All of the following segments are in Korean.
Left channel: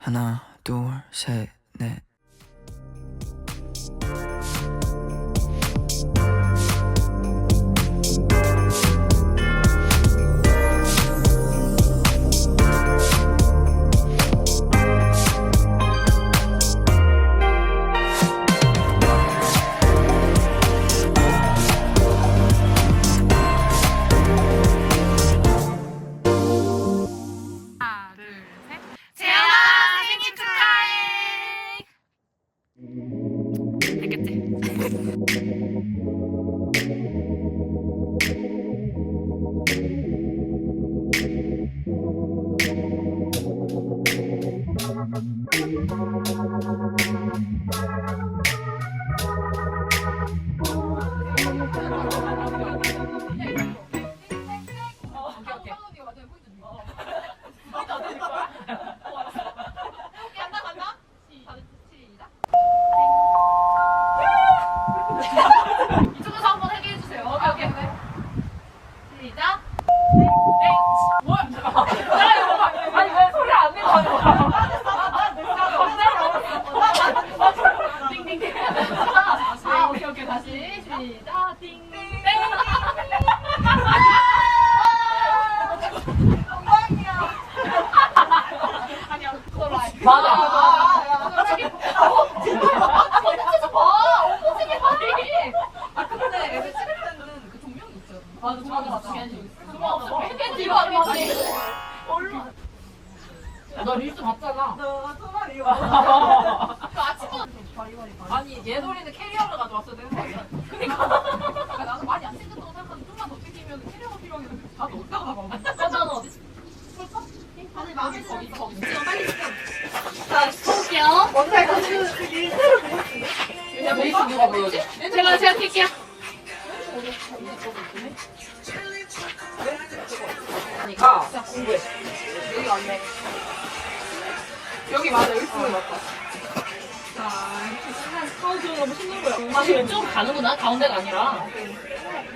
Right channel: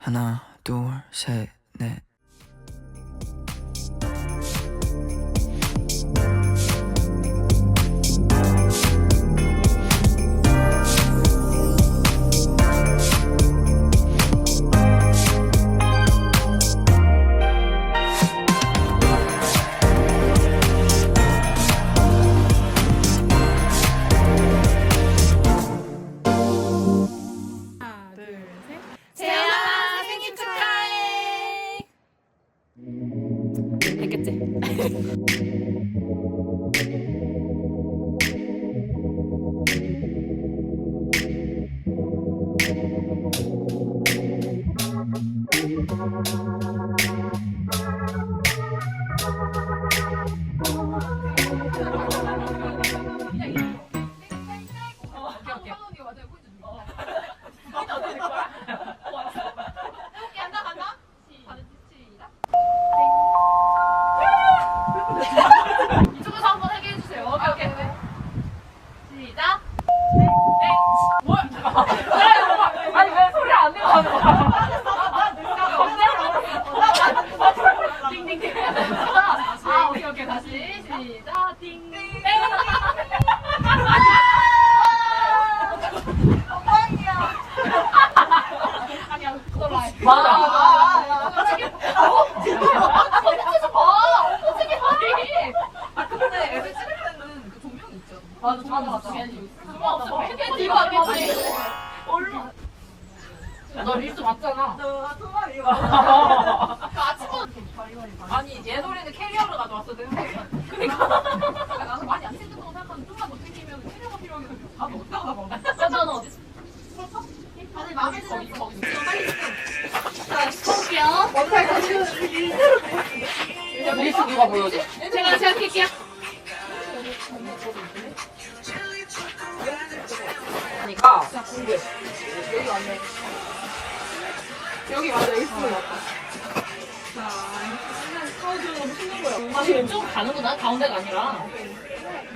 하나, 둘, 셋, 넷. 다시 시작. 띵띵. 아니 얘 소리는 캐리어를 가져왔어야 되는 거 아니야? 그니까. 나는 많이 안거 생각하는데 좀만 더 튀기면 캐리어가 필요하겠는데 나도 어디다가 나가 맞아? 다들 마음에 빨리 자 볼게요. 원래 지금 일대로 일단 베이스 누가 보여줘? 제가 제가 킬게요. 가 공부해. 여기 앉아 여기 맞아 여기 맞다 아 지금 좀 가는구나 가운데가 아니라.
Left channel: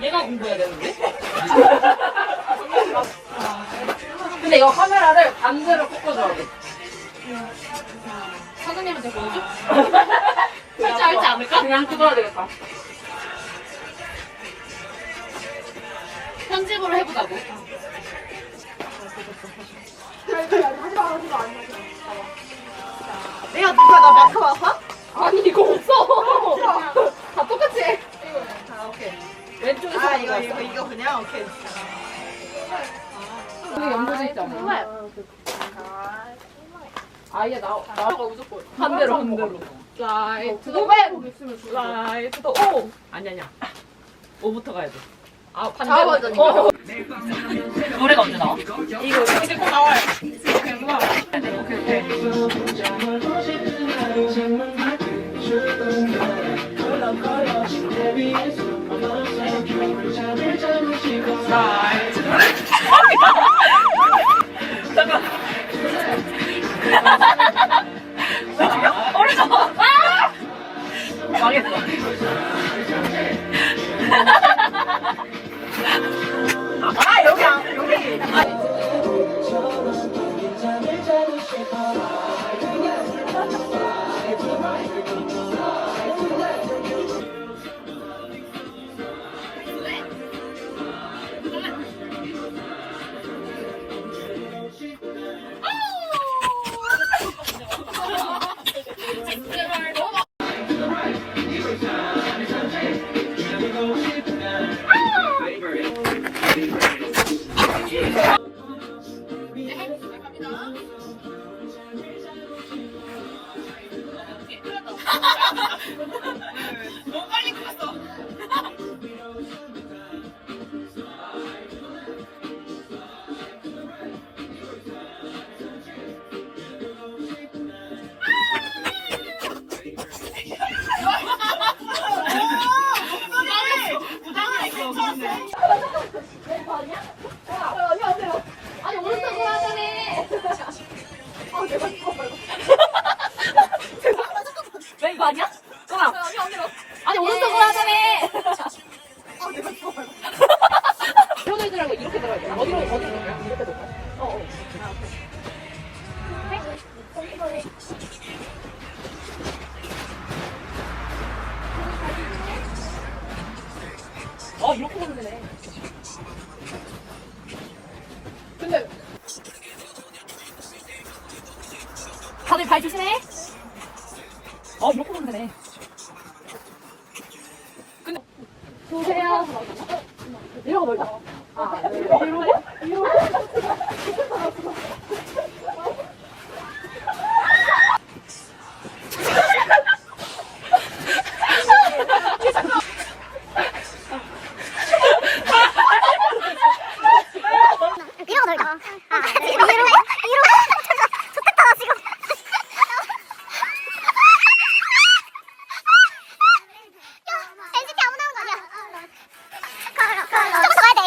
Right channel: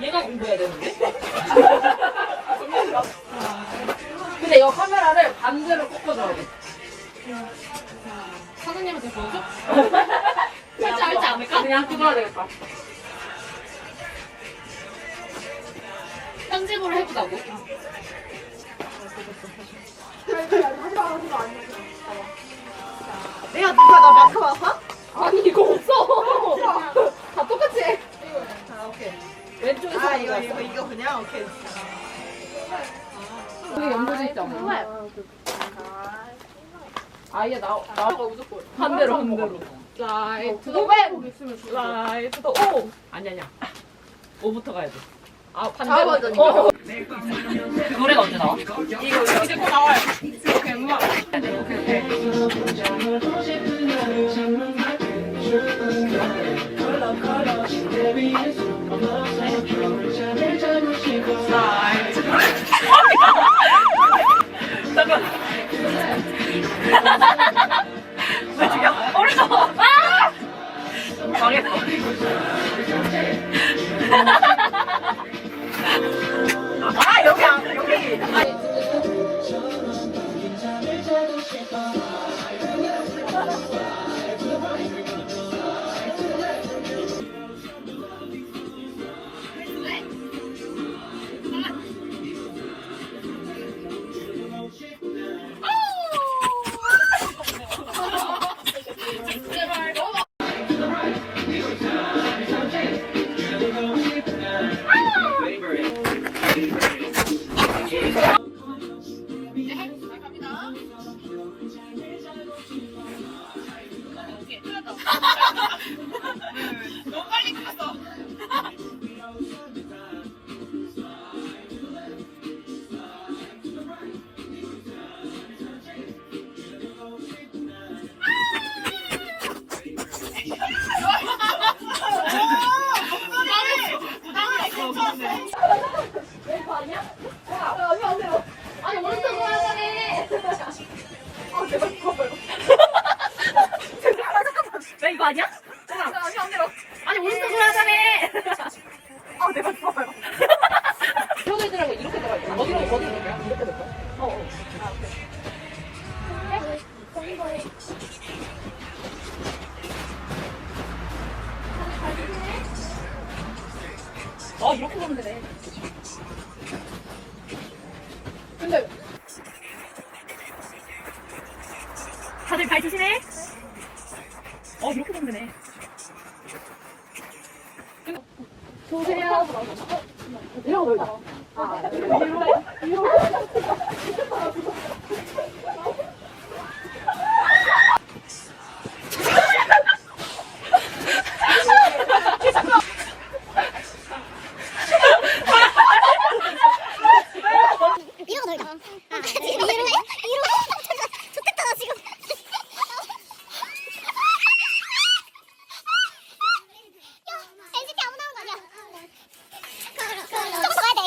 얘가 공부해야 되는데? 근데 이거 카메라를 반대로 꺾어줘야 돼. 선생님한테 보여줘? 할지 알지 않을까? 그냥 그거야 되겠다. 편집으로 해보자고. 내가 누가 나 마크 와서? 아니 이거 없어 왼쪽에서 아 이거 이거 이거 그냥? 오케이. 여기 연결돼 있잖아? 아예 나 나가 무조건 반대로 반대로. 라이트 오. 라이트 오. 아니 아니야. 오부터 가야 돼 아 반대로. 좌우 버전인가? 어. 아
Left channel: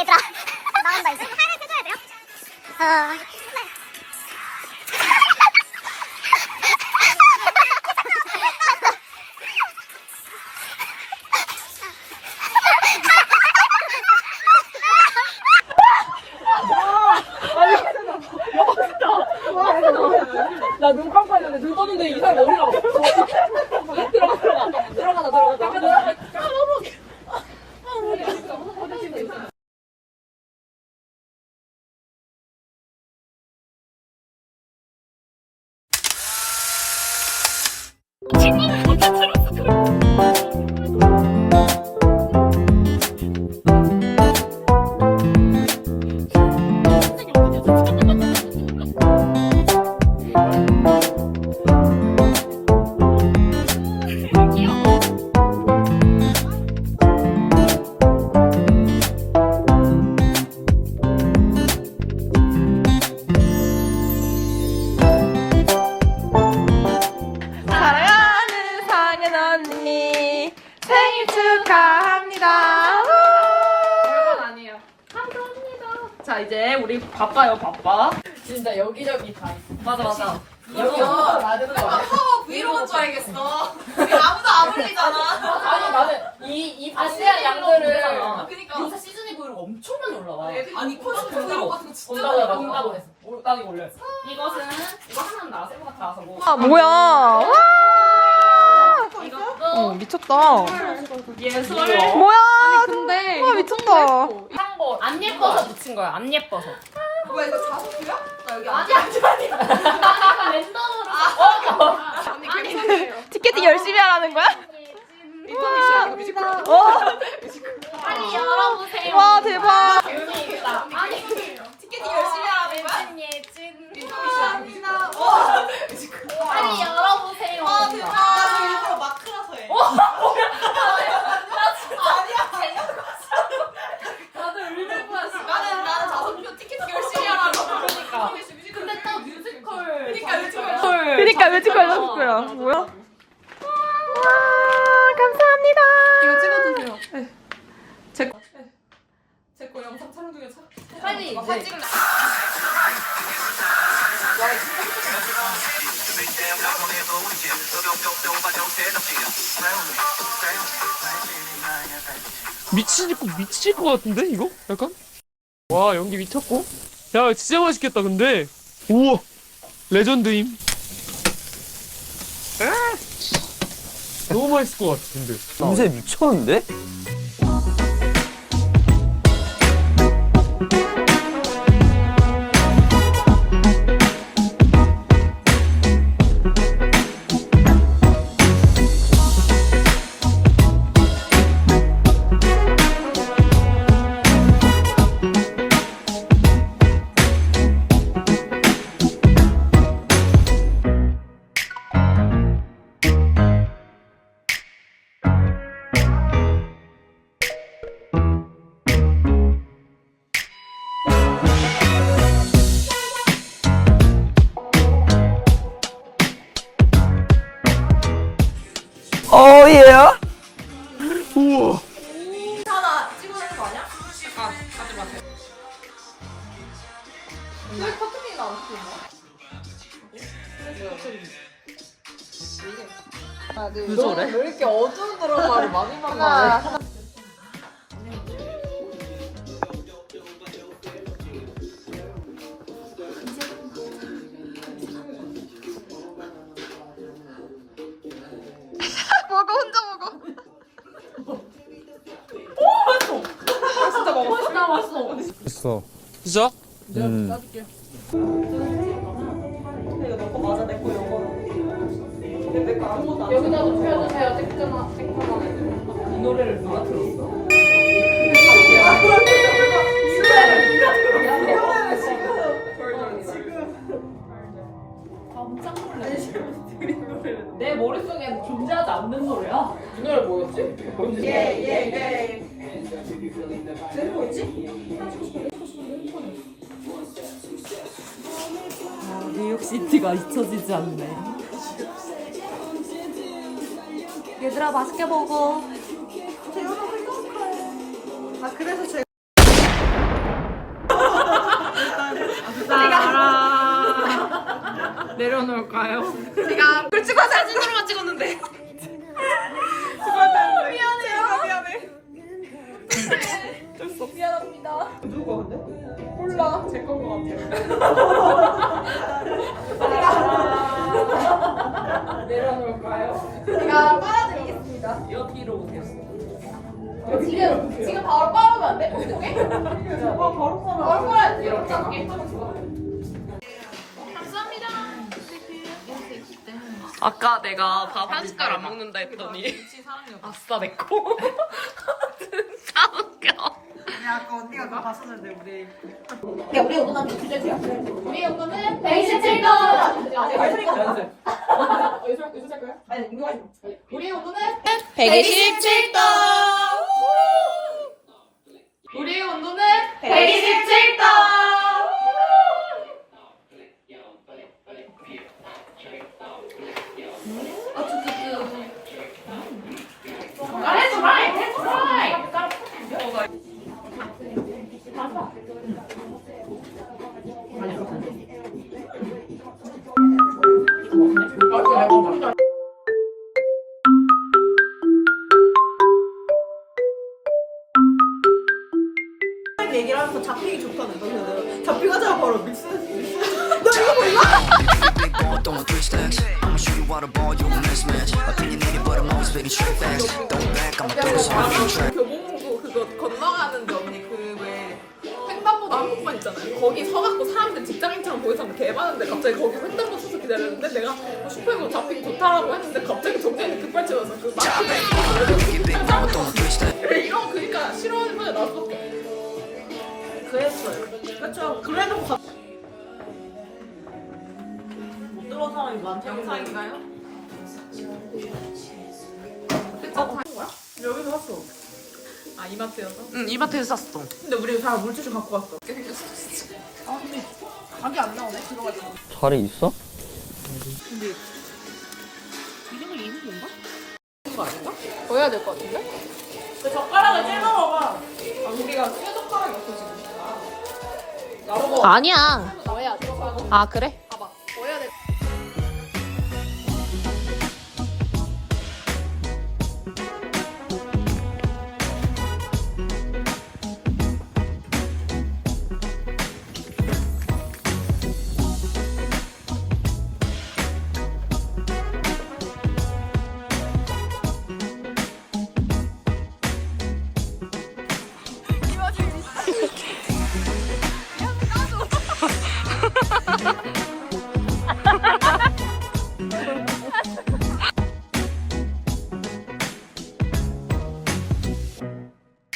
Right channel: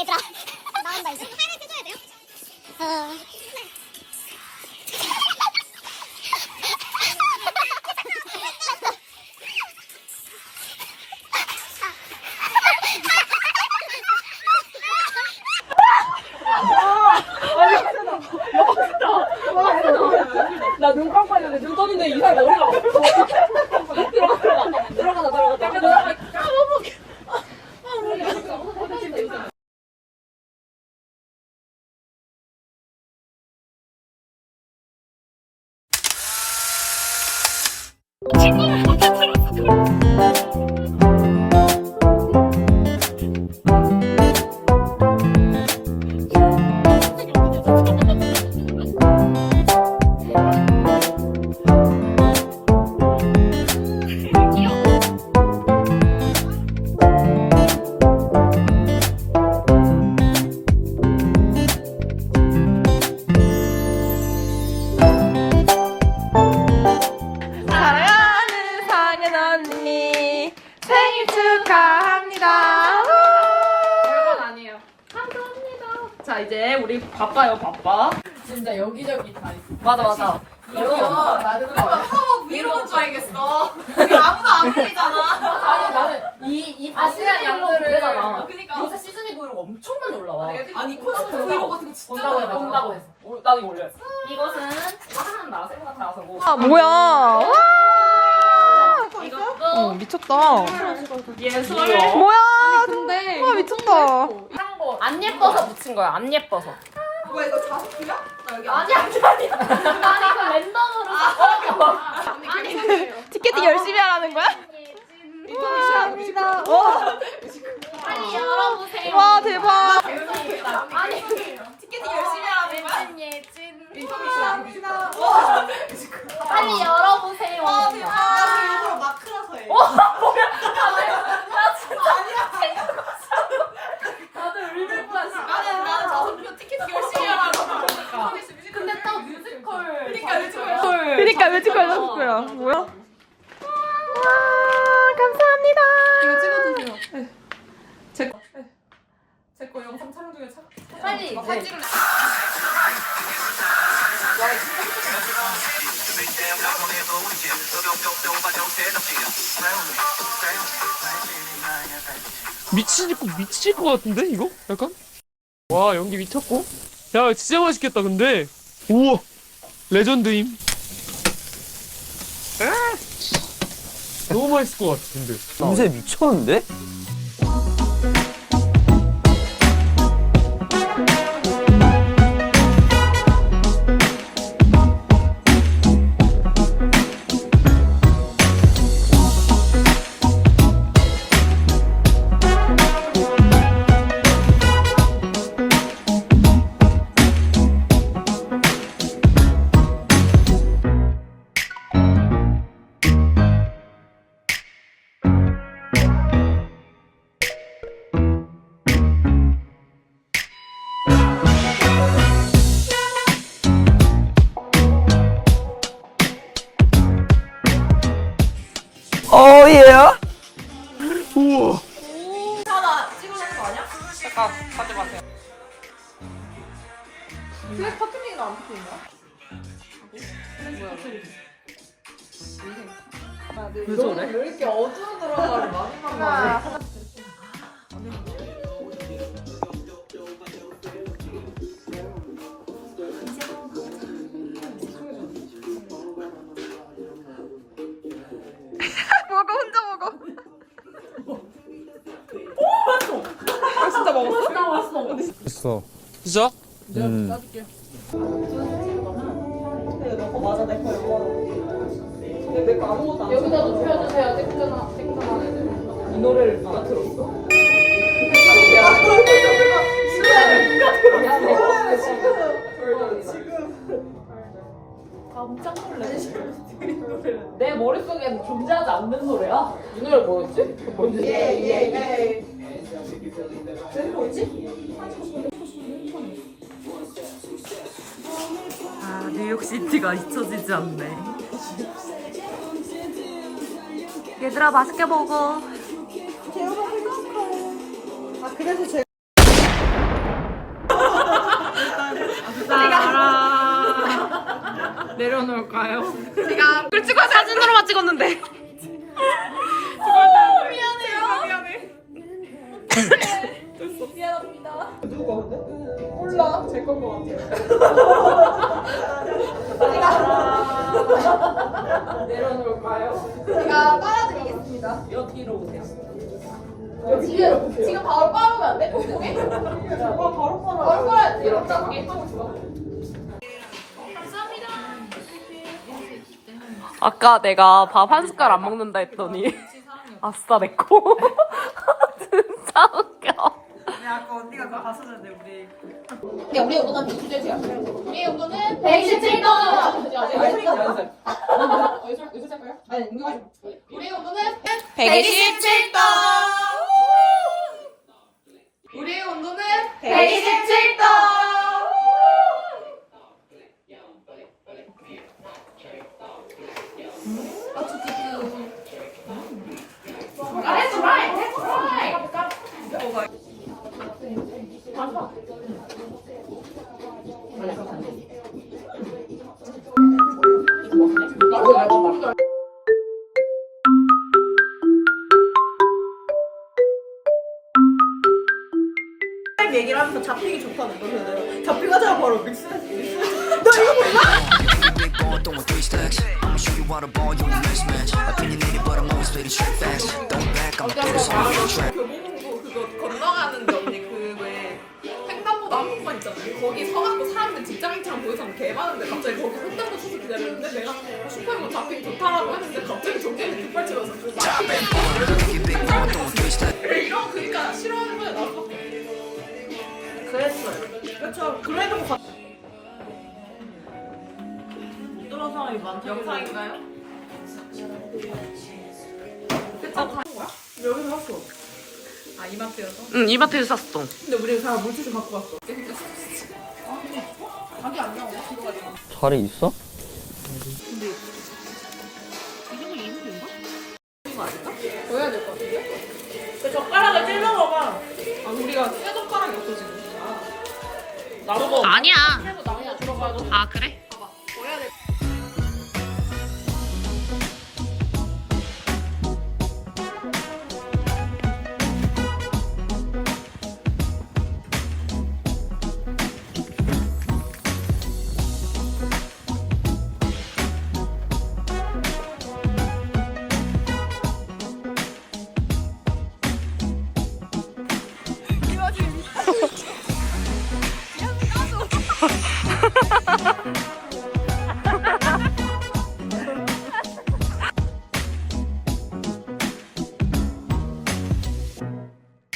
얘들아. 나온다 이제. 하이라이트 해줘야 돼요? 어. happening? 브이로그 줄 알겠어. 아무도 안 올리잖아. 아니 나는 이이 아시아 양들을 그러니까 요새 시즈니 브이로그 엄청 많이 올라와. 아니 코너 브이로그 같은 거 진짜 온다고 많이 해, 올라와. 온다고 했어. 오, 나도 이거 올렸어. 이것은 이거 하나는 나 새거 같아 나서고. 아 뭐야? 와! 이것도 어, 미쳤다. 예술. 뭐야? 근데 와 미쳤다. 안 예뻐서 붙인 거야. 안 예뻐서. 뭐야 이거 자석이야? 나 여기 아니 아니 아니. 아니 이거 랜덤으로. 티켓팅 열심히 하라는 거야? 와, 와. 아니 열어보세요. 와 대박. 아니 티켓팅 열심히 하라는 거야? 예진 예진. 빨리 열어보세요. 와 대박. 나 일부러 마크라서 해. 나 진짜 아니야. 나도 울는 거야 지금. 나는 나는 자석표 티켓팅 열심히 하라고. 그러니까. 근데 또 뮤지컬. 그러니까 뮤지컬. 그러니까 뮤지컬 연습해요. 뭐야? 와 감사합니다. 이거 찍어주세요. 제거 영상 촬영 중에 촬. 빨리 사진 찍을래. 미칠 것 미칠 것 같은데 이거 약간 와 연기 미쳤고 야 진짜 맛있겠다 근데 우와 레전드임 아! 너무 맛있을 것 같아 근데 냄새 미쳤는데? 어, 예. 우와 하나 찍어내는 거 아니야? 잠깐. 왜 커팅이가 안 찍히는 왜 저래? 왜 이렇게 어두운 드라마를 마지막에 맛있어. 있어. 진짜? 음. 이거 너거 맞아 내거 영어. 여기다 높여주세요. 땡땡한 땡땡한 애들. 이 노래를 누가 들었어? 내 머릿속엔 존재하지 않는 노래야. 이 노래 뭐였지? 뭔지. 예예예. 아, 뉴욕시티가 잊혀지지 않네. 얘들아, 맛있게 먹어. 내려놓을까요? 제가 꿀 찍어 사진으로만 찍었는데. 몰라. 제건 것 같아요. 내려놓을까요? 제가 빨아드리겠습니다. 여기로 오세요. 지금 지금 바로 빨으면 안 돼? 목에? 아, 바로 빨아. 바로 빨아야 돼. 이렇게 하게. 아까 내가 밥 한 숟갈 안 먹는다 했더니 아싸 내꺼 진짜 웃겨 야, 우리 오도가 비주제야. 우리 오도는 127도. 아니, 이거 하지 마. 우리 온도는 127도 우리의 온도는 127도. 잡히기 좋다는 거. 그래서 내가 잡히가자 바로 믹스. You think you big ball throwing three stacks? I'ma show you how to ball, you a mismatch. Opinionated, but I'm always spitting straight facts. Throw it back, I'ma throw this on the track. 교보문고 그거 건너가는 데 언니 그왜 횡단보도 한복판 있잖아요. 거기 서갖고 사람들 직장인처럼 보이잖아. 개 많은데 갑자기 거기 횡단보도 서서 기다렸는데 내가 어, 슈퍼히어 잡히기 좋다라고 했는데 갑자기 정재현이 급발진해서 그 막히네. You think you big ball throwing three stacks? 이런 그니까 싫어하는 그렇죠. 그래도 사람이 많죠. 영상인가요? 다 거야? 여기서 샀어. 아 이마트여서? 응 이마트에서 샀어 근데 우리 다 물티슈 갖고 왔어. 살이 있어? 보여야 될 것 같은데? 그 젓가락을 찔러 먹어봐. 아, 우리가 쇠 젓가락이 없어 지금. 아니야 아 그래?